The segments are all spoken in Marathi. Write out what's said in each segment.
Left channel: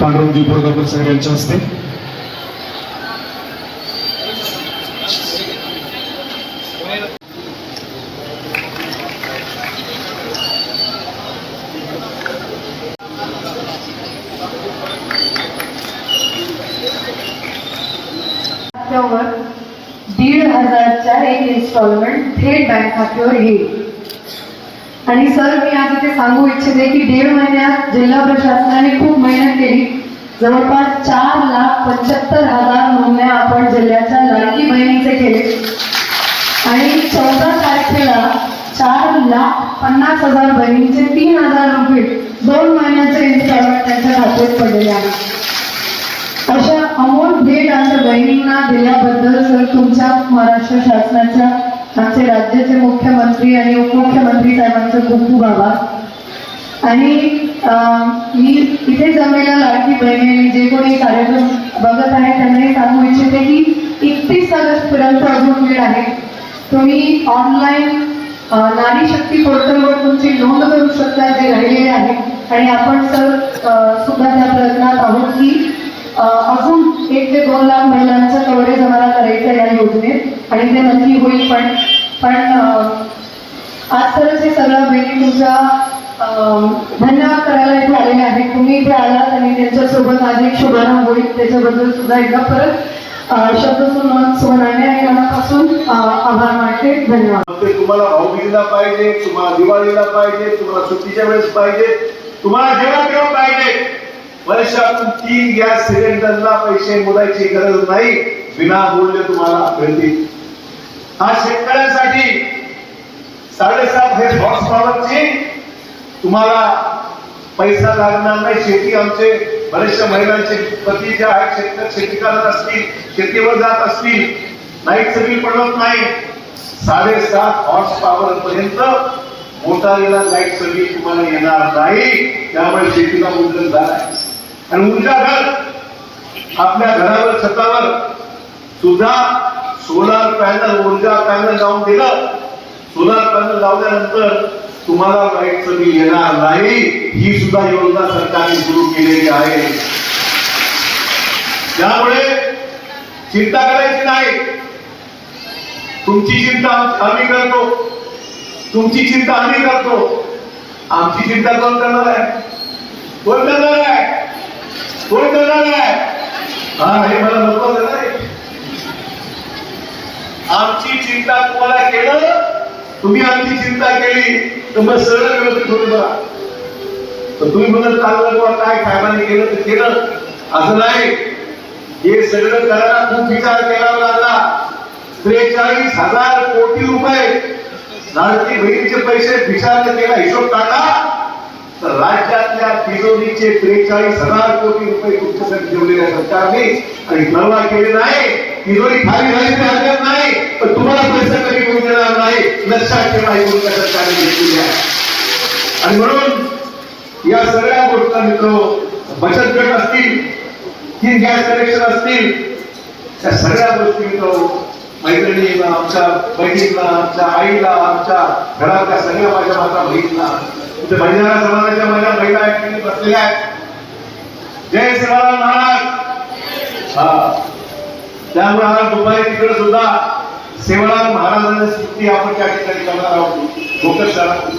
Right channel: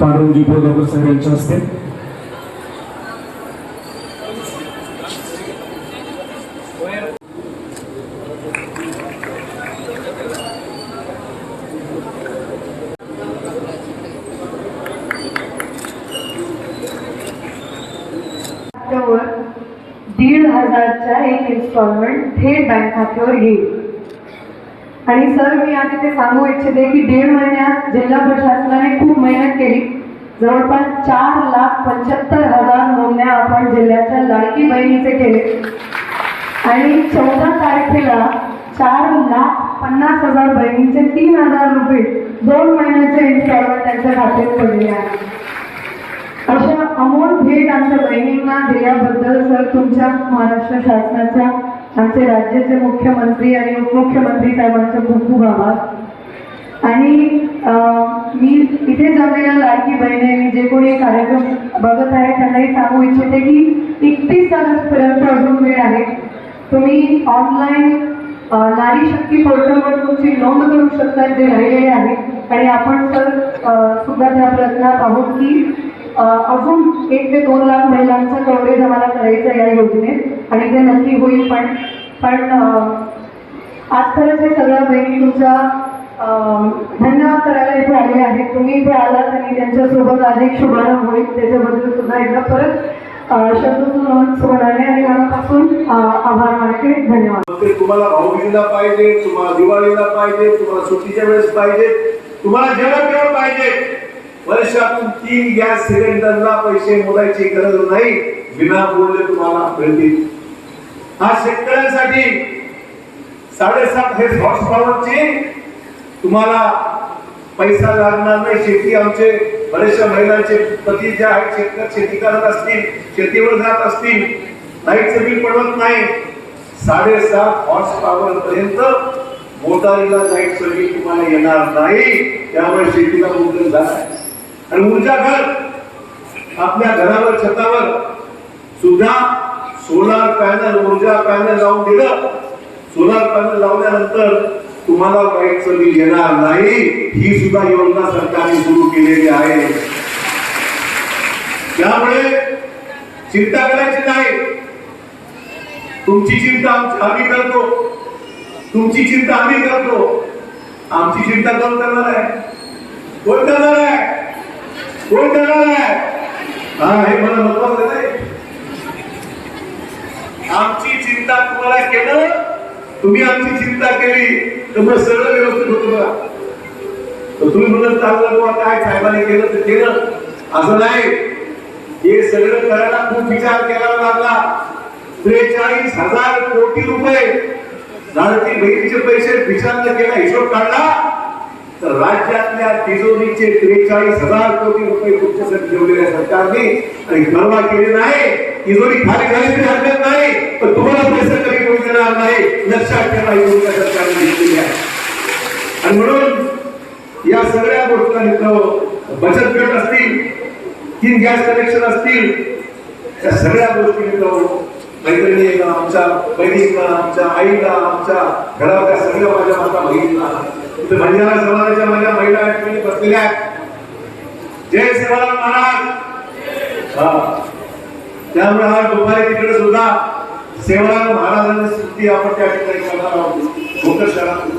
पांडुरंगजी बोरगापूर साहेब यांच्या हस्ते. दीड हजारच्या एक इन्स्टॉलमेंट थेट बँक खात्यावर येईल. आणि सर मी आज इथे सांगू इच्छिते की दीड महिन्यात जिल्हा प्रशासनाने खूप मेहनत केली. जवळपास चार लाख पंच्याहत्तर हजार नोंदण्या आपण जिल्ह्याच्या लाडकी बहिणीचे केले. आणि चौदा तारखेला चार लाख पन्नास हजार बहिणींचे तीन हजार रुपये दोन महिन्याचे इन्स्टॉलमेंट त्यांच्या खात्यात पडले आहे. अशा अमोल भेट आमच्या बहिणींना दिल्याबद्दल सर तुमच्या महाराष्ट्र शासनाच्या आमचे राज्याचे मुख्यमंत्री आणि उपमुख्यमंत्री साहेबांचं खूप खूप आभार आणि मी इथे जमलेल्या लाडकी बहिणी जे कोणी कार्यक्रम बघत आहे त्यांनाही सांगू इच्छिते की एकतीस पर्यंत अजून वेळ आहे. तुम्ही ऑनलाईन नारी शक्ती पोर्टलवर तुमची नोंद करू शकता जे राहिलेले आहे. आणि आपण सर सुद्धा त्या प्रयत्नात आहोत की अजून एक ते दोन लाख महिलांचं कवरेज आम्हाला करायचं या योजनेत. आणि ते नक्की होईल पण पण आजपर्यंत हे सगळं बहिणी तुमचा धन्यवाद करायला इथे आलेले आहेत तुम्ही इथे आलात आणि त्यांच्यासोबत अधिक शुभारंभ होईल. त्याच्याबद्दल सुद्धा एकदा परत शब्द सुन आणि मनापासून आभार मानते. धन्यवाद. तुम्हाला भाऊबीजेला पाहिजे तुम्हाला दिवाळीला पाहिजे तुम्हाला सुट्टीच्या वेळेस पाहिजे तुम्हाला जेवण केव्हा पाहिजे. वर्षातून तीन गॅस सिलेंडरला पैसे मोजायची गरज नाही. विनामूल्य तुम्हाला मिळतील हा शेतकऱ्यांसाठी साडेसात हे हॉर्स पॉवरची तुम्हाला पैसा लागणार नाही. शेती आमचे बरेचशा महिलांचे पती जे आहेत शेतकरी शेती करत असतील शेतीवर जात असतील लाईटचं बिल पडत नाही. साडेसात हॉर्स पॉवर पर्यंत मोटारीला लाइट सर्व्हिस तुम्हाला येणार नाही. त्यामुळे शेतीला उर्जन झाला आणि ऊर्जा घर आपल्या घरावर छतावर सुद्धा सोलार पॅनल ऊर्जा पॅनल लावून दिलं. सोलार पॅनल लावल्यानंतर तुम्हाला लाईटचं बिल येणार नाही. ही सुद्धा योजना सरकारने सुरू केलेली आहे. त्यामुळे चिंता करायची नाही. तुमची चिंता आम्ही करतो. तुमची चिंता आम्ही करतो. आमची चिंता कोण करणार आहे? कोण करणार आहे? कोण करणार आहे? हा हे मला नको आमची चिंता तुम्हाला केलं? तुम्ही आमची चिंता केली तर मग सरळ व्यवस्थित होत बघा. तर तुम्ही म्हणत चाललं किंवा काय साहेबांनी केलं ते केलं. असं नाही. हे सगळं करायला खूप विचार करावा लागला त्रेचाळीस हजार कोटी रुपये लाडकी बहिणीचे पैसे विचार केला हिशोब काढला. तर राज्यातल्या तिजोरीचे त्रेचाळीस हजार कोटी रुपये तुमच्यासाठी ठेवलेल्या सरकारने. आणि गणना केले नाही. तिजोरी खाली झाली तरी हरकत नाही. पण तुम्हाला पैसे कमी करून देणार नाही. लक्षात ठेवा ही भूमिका सरकारने घेतलेली आहे आणि म्हणून या सगळ्या गोष्टी मित्र बचत गट असतील तीन गॅस कनेक्शन असतील त्या सगळ्या गोष्टी मित्र मैत्रिणींना आमच्या बहिणींना आमच्या आईला आमच्या घरातल्या सगळ्या माझ्या माता बहिणींना इथे बंजारा समाजाच्या माझ्या महिला बसलेल्या आहेत. जय सेवाराम महाराज. हा. त्यामुळे आज दुपारी तिकडे सुद्धा सेवाराम महाराजांची स्तुती आपण त्या ठिकाणी करणार आहोत. भोकर शहरात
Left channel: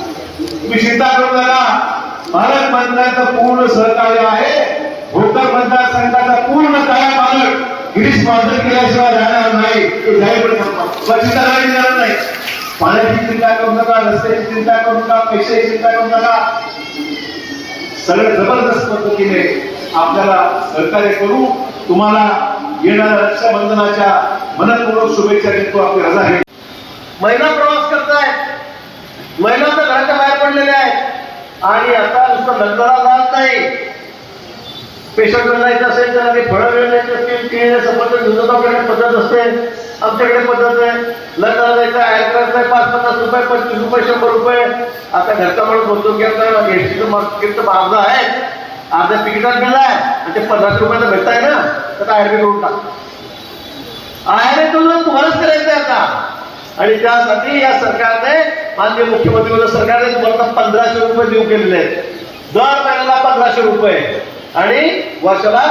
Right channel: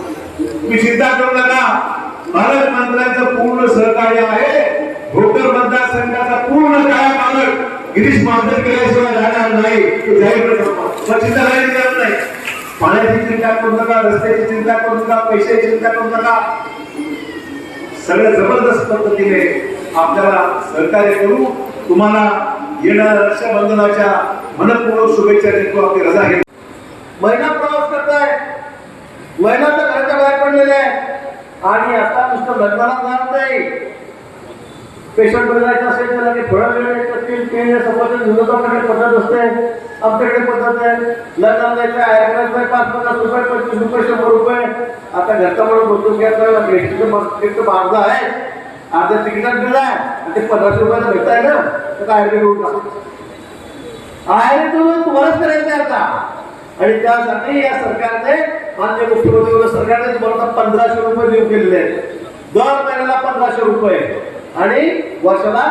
तुम्ही चिंता करू नका. पालकमंत्र्यांचं पूर्ण सहकार्य आहे. भोकर मतदारसंघाचा पूर्ण काय पालक गिरीश महाजन केल्याशिवाय जाणार नाही. चिंता करायची गरज नाही. पाण्याची चिंता करू नका रस्त्याची चिंता करू नका पैशाची चिंता करू नका. सगळ्या जबरदस्त पद्धतीने आपल्याला सहकार्य करू. तुम्हाला येणाऱ्या रक्षाबंधनाच्या मनपूर्वक शुभेच्छा देतो. आपली रजा आहे. महिला प्रवास करताय महिला तर घराच्या बाहेर पडलेल्या आहेत. आणि आता नुसतं लग्नाला जात नाही पेशंट जायचं असेल तर ते फळं मिळायचं असतील. केळी सफरचंद दुधाकडे पद्धत असते आमच्याकडे पद्धत आहे लग्नाला जायचं आहे. करायचं पाच पन्नास रुपये पंचवीस रुपये शंभर रुपये. आता घरचा म्हणून बोलतो की आता एसटीचं मार्केट मार्ग आहे. अर्ध्या तिकिटात गेला आहे ते पन्नास रुपयाला भेटताय ना तर काय ऍडमिट करून टाक आहे तो तुम्हालाच करायचं आता. आणि त्यासाठी या सरकारने मान्य मुख्यमंत्री सरकारने तुम्हाला पंधराशे रुपये देऊ केलेले आहेत. दर महिन्याला पंधराशे रुपये. आणि वर्षाला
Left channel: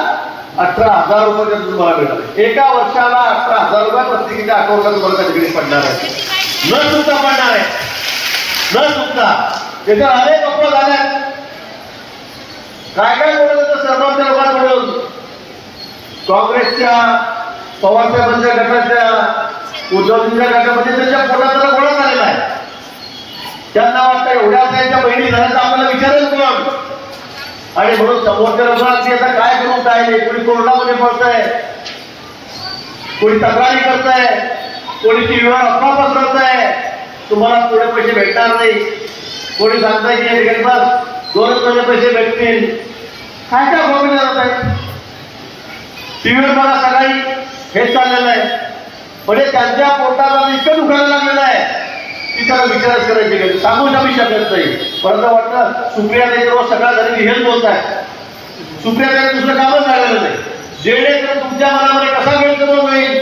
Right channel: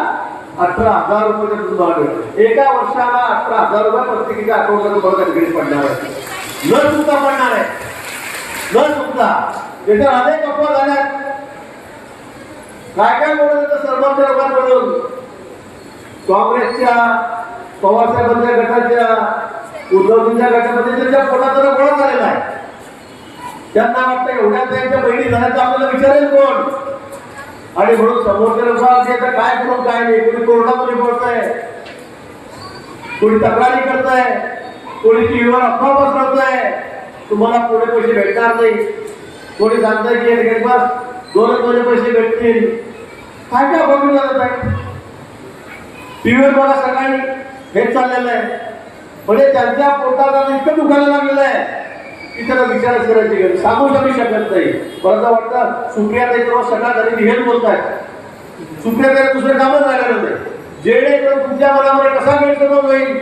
अठरा हजार रुपये तुम्हाला मिळतात एका वर्षाला अठरा हजार रुपये प्रत्येकीच्या अकाउंटला तुम्हाला त्या पडणार आहे. न चुकता पडणार आहे. न चुकता. त्याच्यावर अनेक अफवा झाल्या काय काय बोलत होतं सर्वांच्या काँग्रेसच्या पवारसाहेबांच्या गटाच्या उद्धवजींच्या गटामध्ये त्यांच्या पोटाचा गोळा झालेला आहे. त्यांना वाटतं एवढ्या त्यांच्या बहिणी झाल्या तर आपल्याला विचारेल कोण? आणि म्हणून समोरच्या लोकांना आता काय करून काय कोणी कोरोनामध्ये पडतंय कोणी तक्रारी करताय? कोणी टीव्हीवर अफवा पसरवताय तुम्हाला पुढे पैसे भेटणार नाही. कोणी सांगताय की एक दोनच महिने पैसे भेटतील. काय काय बघून जात आहे टीव्हीवर मला सकाळी हेच चाललेलं आहे. म्हणजे त्यांच्या पोटाला इतकं दुखायला लागलेलं आहे की त्याला विचारच करायची गरज सांगू शकू शकत नाही. परंतु वाटतं सुप्रिया ताई रोज सगळ्या घरी हेच बोलत आहे सुप्रिया ताई दुसरं कामच झालेलं नाही. जेणेकरून तुमच्या मनामध्ये कसा गैरसमज होईल?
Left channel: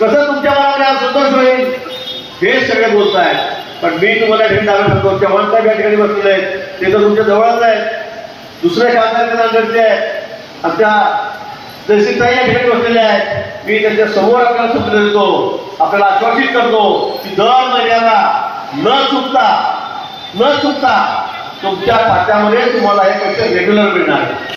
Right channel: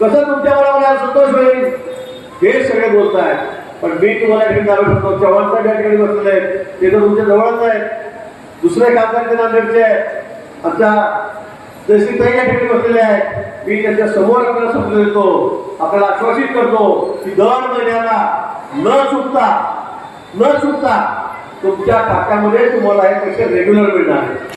कसं तुमच्या मनामध्ये आज संतोष होईल? हे सगळे बोलत आहेत पण मी तुम्हाला घरी जाणार होतो चव्हाण साहेब या ठिकाणी बसलेलं आहे ते तर तुमच्या जवळच आहे दुसरे खासदार ते नांदेडचे आहेत आमच्या तहसीलताई या ठिकाणी बसलेले आहेत मी त्यांच्यासमोर आपल्याला समजून देतो. आपल्याला आश्वासित करतो की दर महिन्याला न चुकता न चुकता तुमच्या खात्यामध्ये तुम्हाला हे पैसे रेग्युलर मिळणार